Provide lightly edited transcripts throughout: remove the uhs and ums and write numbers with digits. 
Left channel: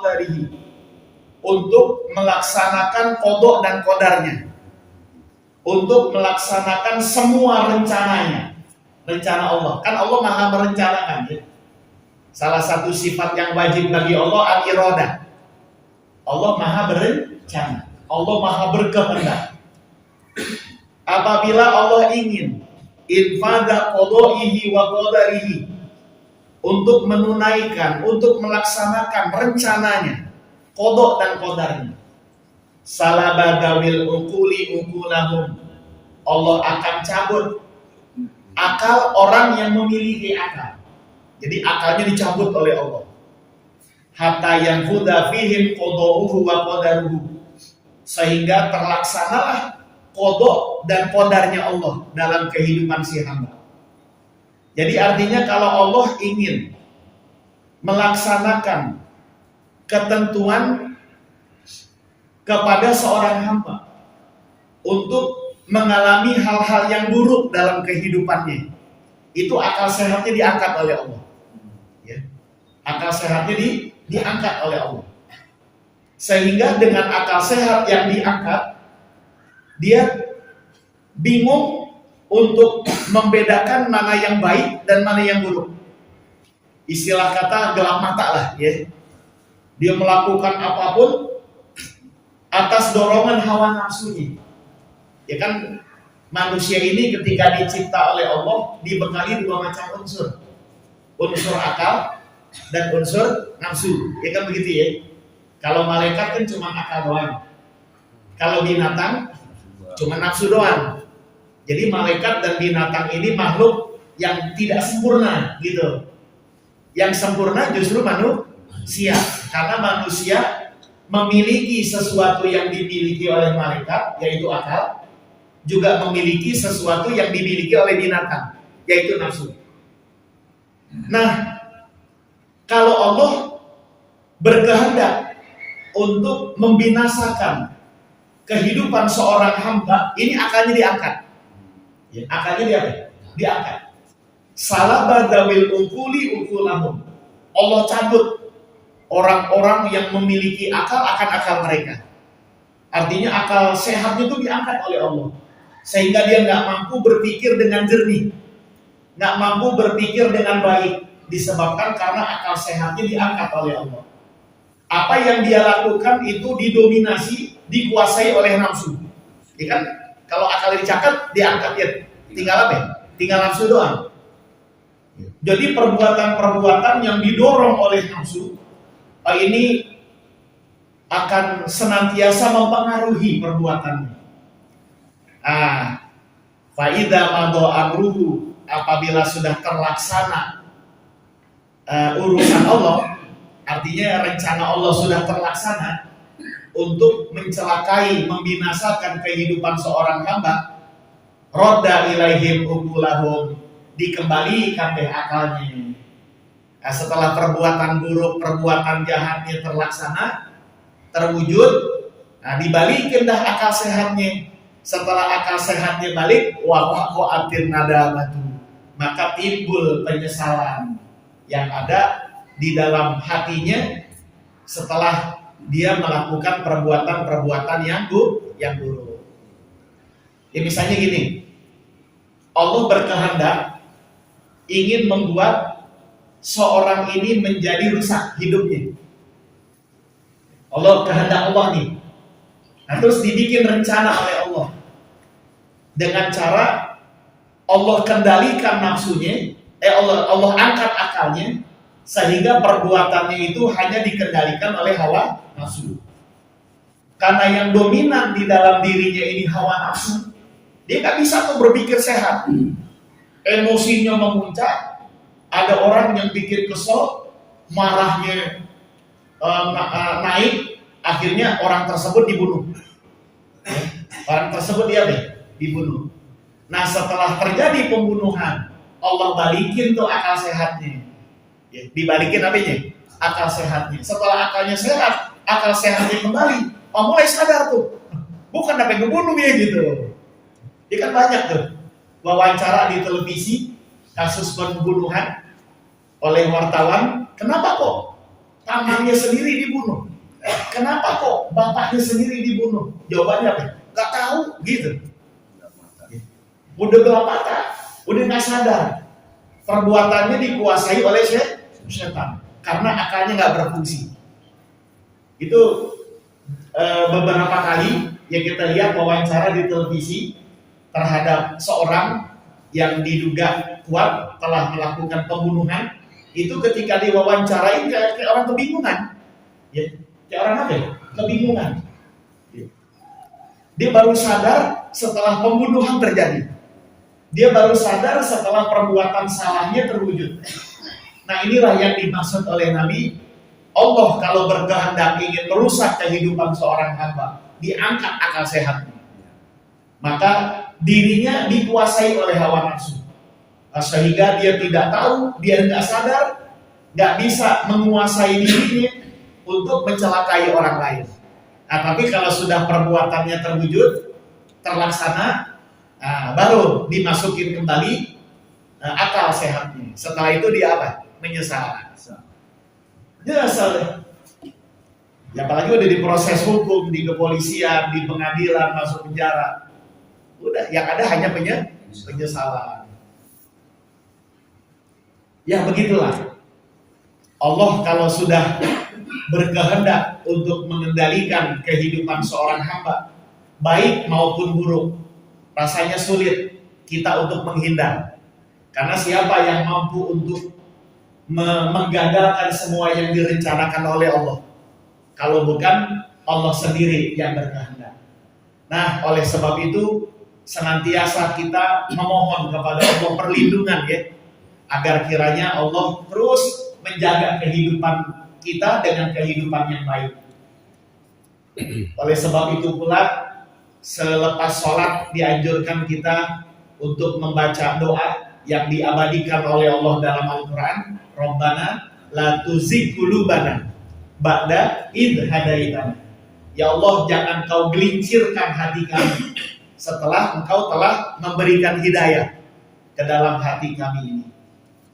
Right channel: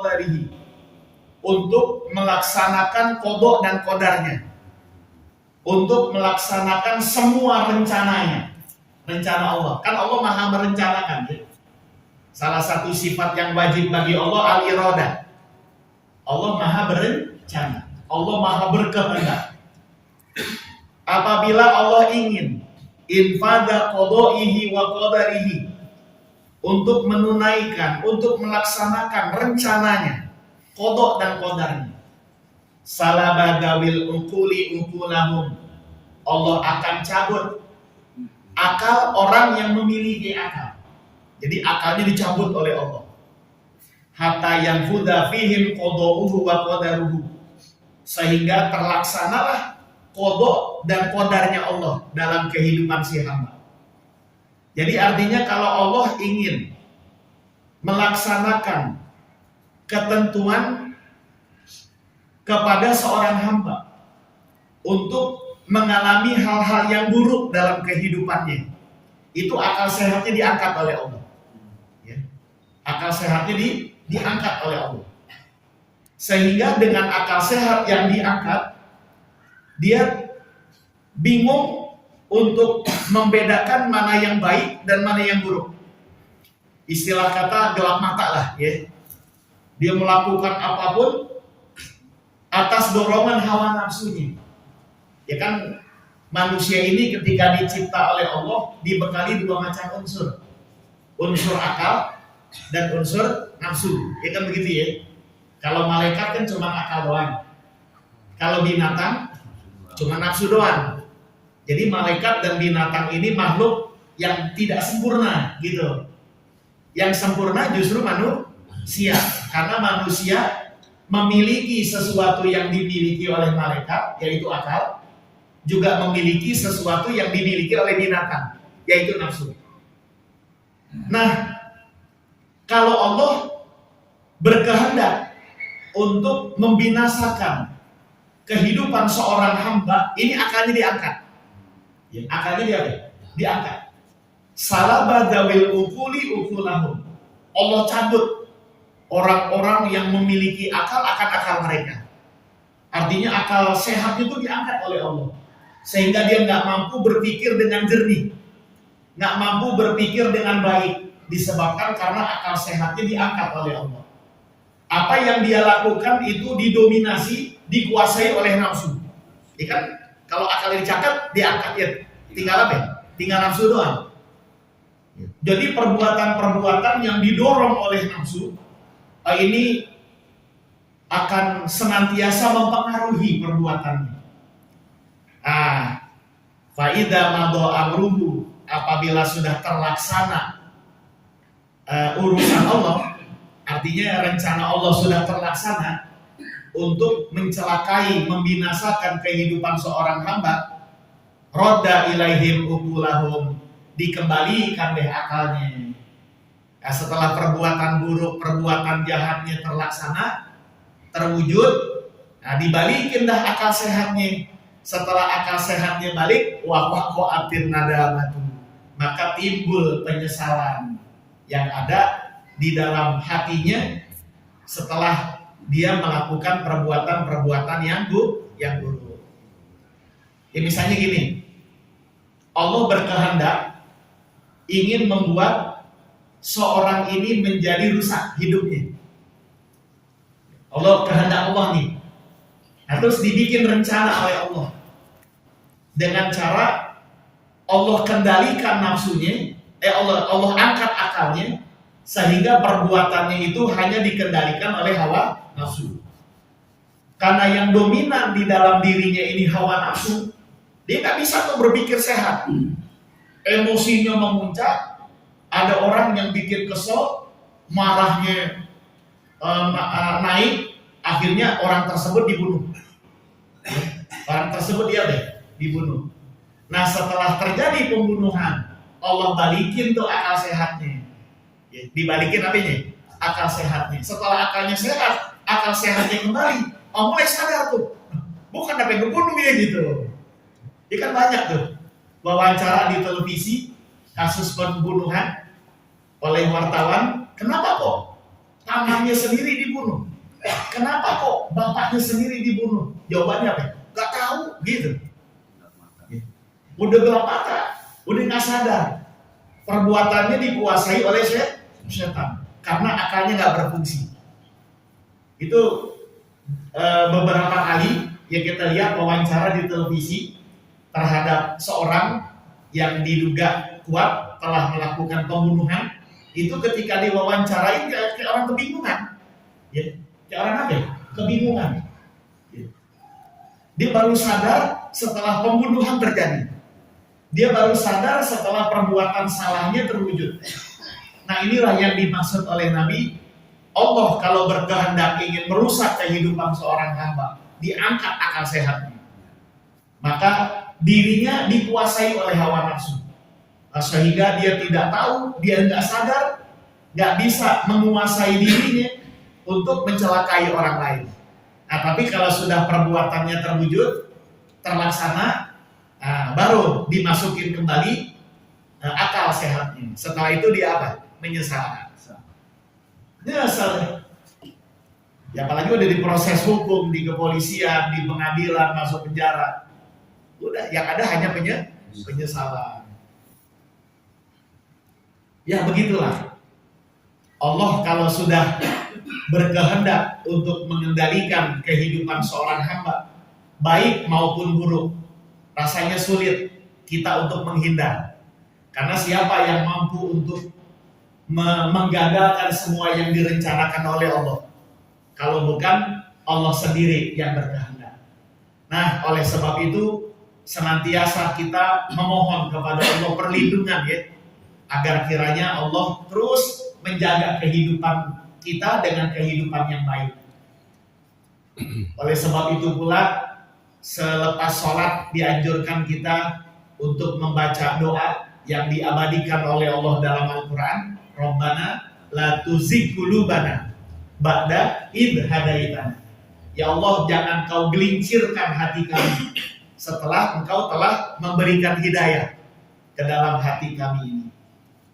qadarihi, untuk melaksanakan qada dan qadarnya, untuk melaksanakan semua rencananya. Rencana Allah, kan Allah maha merencanakan ya. Salah satu sifat yang wajib bagi Allah al-iradah. Allah maha berencana, Allah maha berkehendak. Apabila Allah ingin infada qadaihi wa qadarihi, untuk menunaikan, untuk melaksanakan rencananya, qada dan qadarnya, salabadawil uquli uqulahum, Allah akan cabut akal orang yang memiliki akal. Jadi akalnya dicabut oleh Allah. Hatta yanfuda fihim qada'uhu wa qadaruhu, sehingga terlaksanalah qada dan qadarnya Allah dalam kehidupan si hamba. Jadi artinya kalau Allah ingin melaksanakan ketentuan kepada seorang hamba untuk mengalami hal-hal yang buruk dalam kehidupannya, itu akal sehatnya diangkat oleh Allah. Ya. Akal sehatnya diangkat oleh Allah. Sehingga dengan akal sehat yang diangkat, dia bingung untuk membedakan mana yang baik dan mana yang buruk. Istilah kata gelap mata lah ya. Dia melakukan apapun atas dorongan hawa nafsunya. Ya kan, manusia ini ketika dicipta oleh Allah dibekali dua macam unsur. Unsur akal dan unsur nafsu. Ya kan begitu ya. Kalau malaikat kan cuma akal doang. Kalau binatang cuma nafsu doang. Jadi malaikat dan binatang ini makhluk yang tidak sempurna gitu. Yang sempurna justru manusia. Karena manusia memiliki sesuatu yang dimiliki oleh malaikat, yaitu akal, juga memiliki sesuatu yang dimiliki oleh binatang, yaitu nafsu. Nah, kalau Allah berkehendak untuk membinasakan kehidupan seorang hamba, ini akalnya diangkat. Akalnya diangkat. Salabadawil ukuli ukulahum. Allah cabut orang-orang yang memiliki akal akan akal mereka. Artinya akal sehatnya itu diangkat oleh Allah, sehingga dia nggak mampu berpikir dengan jernih, nggak mampu berpikir dengan baik, disebabkan karena akal sehatnya diangkat oleh Allah. Apa yang dia lakukan itu didominasi, dikuasai oleh nafsu. Ya kan? Kalau akal dicakat, diangkat ya, tinggal apa ya? Tinggal nafsu doang. Jadi perbuatan-perbuatan yang didorong oleh nafsu ini akan senantiasa mempengaruhi perbuatannya. Faida mado amruhu, apabila sudah terlaksana urusan Allah, artinya rencana Allah sudah terlaksana untuk mencelakai, membinasakan kehidupan seorang hamba, roda ilaihim ukulahum, dikembalikan deh akalnya. Setelah perbuatan buruk, perbuatan jahatnya terlaksana, terwujud, dibalikin dah akal sehatnya. Setelah akal sehatnya balik, waqa'atin nadamatu, maka timbul penyesalan yang ada di dalam hatinya setelah dia melakukan perbuatan-perbuatan yang buruk. Ya misalnya gini, Allah berkehendak ingin membuat seorang ini menjadi rusak hidupnya. Allah, kehendak Allah nih. Nah, terus dibikin rencana oleh Allah dengan cara Allah kendalikan nafsunya, Allah angkat akalnya, sehingga perbuatannya itu hanya dikendalikan oleh hawa nafsu. Karena yang dominan di dalam dirinya ini hawa nafsu, dia nggak bisa tuh berpikir sehat. Emosinya memuncak. Ada orang yang bikin kesel, marahnya naik, akhirnya orang tersebut dibunuh. Orang tersebut dibunuh. Nah, setelah terjadi pembunuhan, Allah balikin tuh akal sehatnya. Dibalikin apanya? Akal sehatnya. Setelah akalnya sehat, akal sehatnya kembali, mulai sadar tuh, bukan apa yang ngebunuh ya gitu. Ya kan banyak tuh wawancara di televisi kasus pembunuhan oleh wartawan. Kenapa kok pamannya sendiri dibunuh. Kenapa kok bapaknya sendiri dibunuh? Jawabannya apa? Gak tahu gitu. Udah gelap mata, udah nggak sadar. Perbuatannya dikuasai oleh setan karena akalnya nggak berfungsi. Itu beberapa kali yang kita lihat wawancara di televisi terhadap seorang yang diduga kuat telah melakukan pembunuhan. Itu ketika diwawancarain kayak orang kebingungan, ya, kayak orang apa ya? Kebingungan. Ya. Dia baru sadar setelah pembunuhan terjadi. Dia baru sadar setelah perbuatan salahnya terwujud. Nah, inilah yang dimaksud oleh Nabi. Allah kalau berkehendak ingin merusak kehidupan seorang hamba, diangkat akal sehatnya. Maka dirinya dikuasai oleh hawa nafsu. Sehingga dia tidak tahu, dia tidak sadar, nggak bisa menguasai dirinya untuk mencelakai orang lain. Nah, tapi kalau sudah perbuatannya terwujud, terlaksana, baru dimasukin kembali akal sehatnya. Setelah itu dia apa? Menyesal. Menyesal. Ya, apalagi udah diproses hukum, di kepolisian, di pengadilan, masuk penjara. Udah, yang ada hanya penyesalan. Ya begitulah. Allah kalau sudah berkehendak untuk mengendalikan kehidupan seorang hamba, baik maupun buruk, rasanya sulit kita untuk menghindar. Karena siapa yang mampu untuk menggagalkan semua yang direncanakan oleh Allah? Kalau bukan Allah sendiri yang berkehendak. Nah, oleh sebab itu senantiasa kita memohon kepada Allah perlindungan, ya, agar kiranya Allah terus menjaga kehidupan kita dengan kehidupan yang baik. Oleh sebab itu pula selepas sholat dianjurkan kita untuk membaca doa yang diabadikan oleh Allah dalam Al-Quran. Rabbana la tuzigh qulubana ba'da idh hadaitana. Ya Allah, jangan kau gelincirkan hati kami setelah engkau telah memberikan hidayah ke dalam hati kami ini,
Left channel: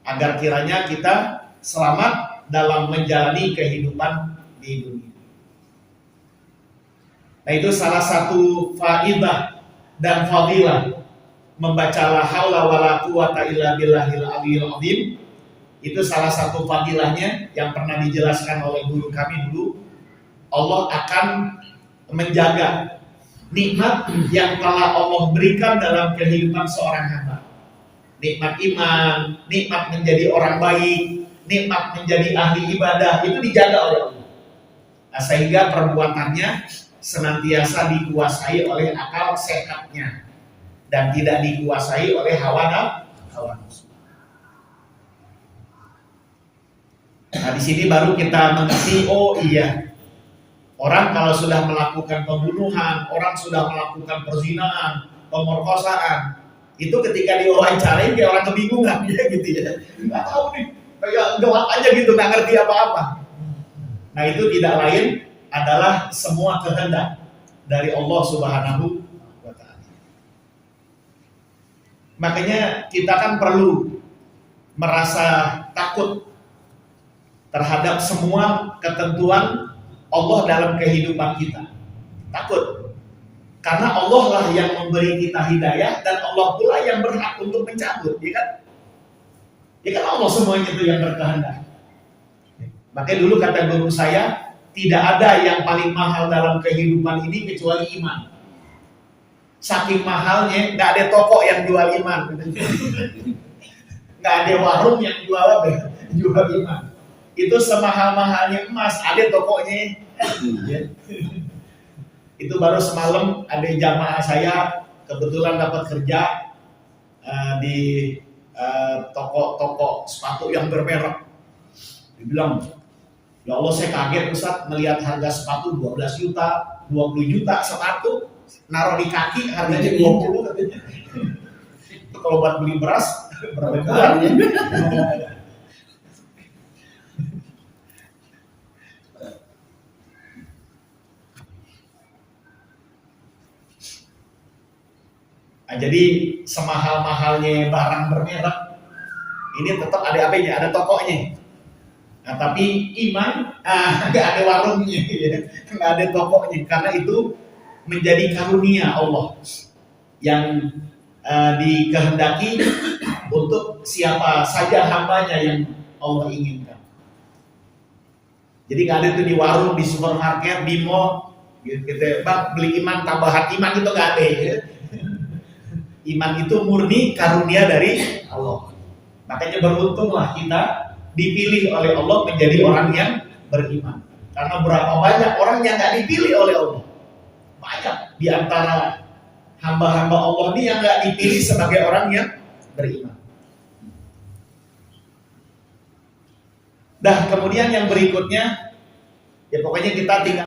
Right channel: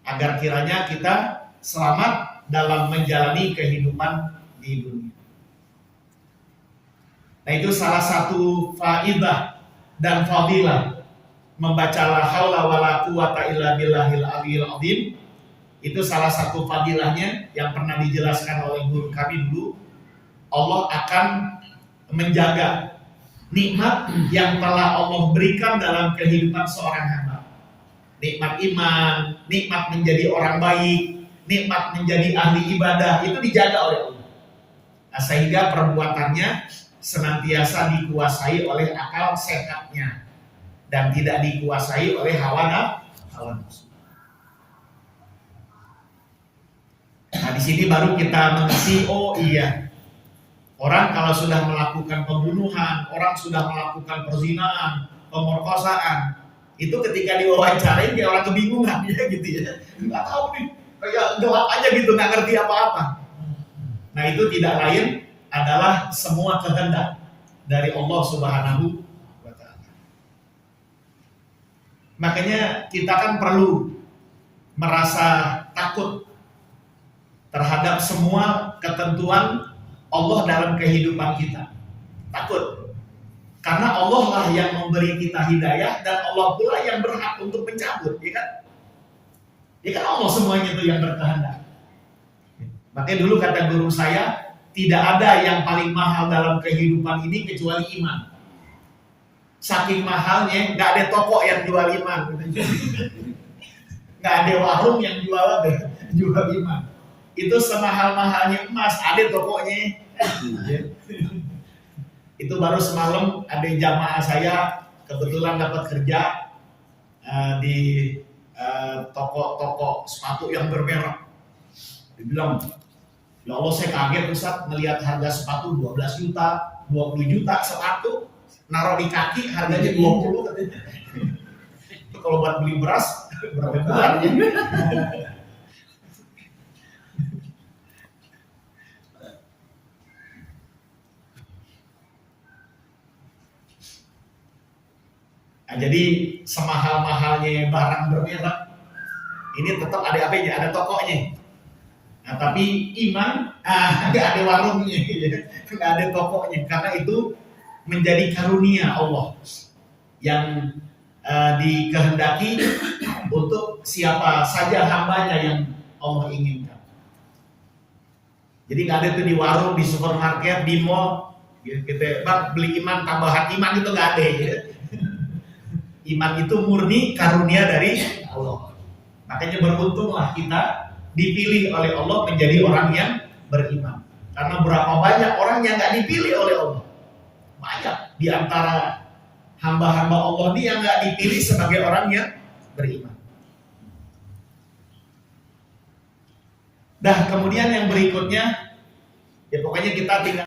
agar kiranya kita selamat dalam menjalani kehidupan di dunia. Nah, itu salah satu faidah dan fadilah membaca la haula wala quwata illa billahil aliyil azim. Itu salah satu fadilahnya yang pernah dijelaskan oleh guru kami dulu. Allah akan menjaga nikmat yang telah Allah berikan dalam kehidupan seorang hamba. Nikmat iman, nikmat menjadi orang baik, nikmat menjadi ahli ibadah, itu dijaga oleh Allah. Nah, sehingga perbuatannya senantiasa dikuasai oleh akal sehatnya dan tidak dikuasai oleh hawa nafsu. Nah, di sini baru kita mengerti, oh iya, orang kalau sudah melakukan pembunuhan, orang sudah melakukan perzinahan, pemerkosaan, itu ketika diwawancarain kayak orang kebingungan, ya gitu ya, nggak tahu nih, kayak gelap aja gitu, nggak ngerti apa-apa. Nah, itu tidak lain adalah semua kehendak dari Allah Subhanahu wa Ta'ala. Makanya kita kan perlu merasa takut terhadap semua ketentuan Allah dalam kehidupan kita. Takut. Karena Allah lah yang memberi kita hidayah dan Allah pula yang berhak untuk mencabut, ya kan? Ya kan Allah semuanya itu yang berkehendak. Makanya dulu kata guru saya, tidak ada yang paling mahal dalam kehidupan ini kecuali iman. Saking mahalnya, nggak ada toko yang jual iman, nggak ada warung yang jual iman. Itu semahal-mahalnya emas, ada tokonya. Itu baru semalam ada jamaah saya kebetulan dapat kerja di toko sepatu yang bermerek. Dibilang, ya Allah, saya kaget Ustaz melihat harga sepatu 12 juta, 20 juta sepatu, naruh di kaki harganya 20. Itu kalau buat beli beras berapa bulan ya? Nah, jadi semahal-mahalnya barang bermerek, ini tetap ada apa-nya, ada tokonya. Nah, tapi iman nggak ada warungnya, ya. Nggak ada tokonya, karena itu menjadi karunia Allah yang dikehendaki untuk siapa saja hambanya yang Allah inginkan. Jadi nggak ada tuh di warung, di supermarket, di mall, gitu. Bang beli iman, tambahan iman itu nggak ada. Ya. Iman itu murni karunia dari Allah. Makanya beruntunglah kita dipilih oleh Allah menjadi orang yang beriman. Karena berapa banyak orang yang nggak dipilih oleh Allah. Banyak di antara hamba-hamba Allah ini yang nggak dipilih sebagai orang yang beriman. Kemudian yang berikutnya, ya pokoknya kita tinggal